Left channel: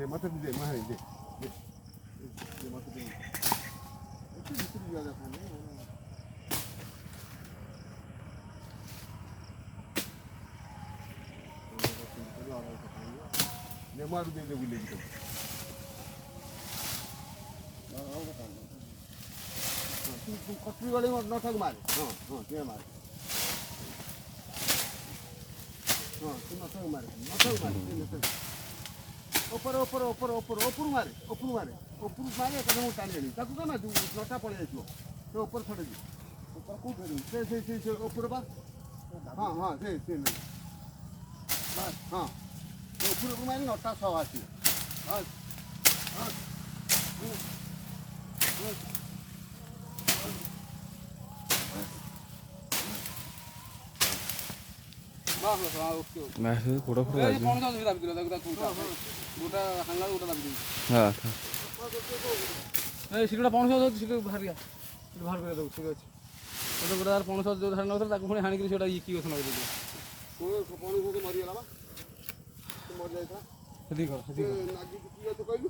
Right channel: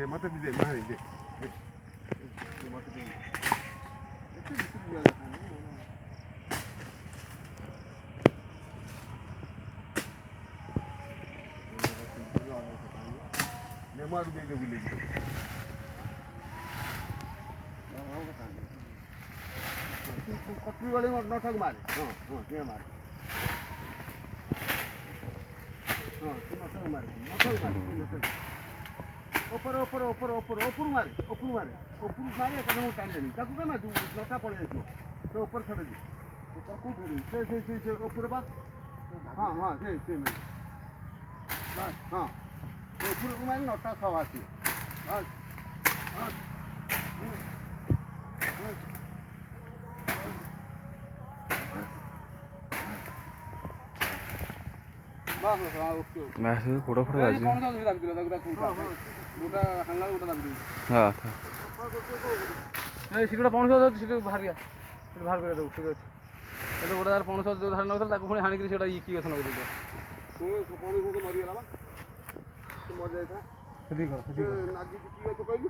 네, 맡아 주세요. 많이 이제. 네, 맡아 주세요. 이렇게 무슨 이야기가 하네. 내 말도 되게 불리기도. कटरी वाले में नौठक मारे हाँ ये मारे हाँ तुम नौठक मारे ऊपर ऊपर ऊपर ऊपर ऊपर मारे कदम उठाने नहीं ताकू क्या ना तू नौठा पड़े इसको तो ऊपर खड़े दी ऊपर कूद से ऊपर बा हाँ हाँ से बस हाँ ऊपर मारे नौठा सौ आती बस हाँ मैं फोटो फोटो आज कौन सा दाबी दिला दाबी गोटा हांगा गोटा दाबी दिला हां ए सिटा पौन सौ सिटा बाहर गया सिटा बाहर कर दो ठीक है तो गोटा यार पौन सौ जो धान नथला ताको पुणी हाणी के सेटा ई की गसन कर दो तो पानी को मरी गला बा तो मर जाए था सदी कर नागी की तो कहियो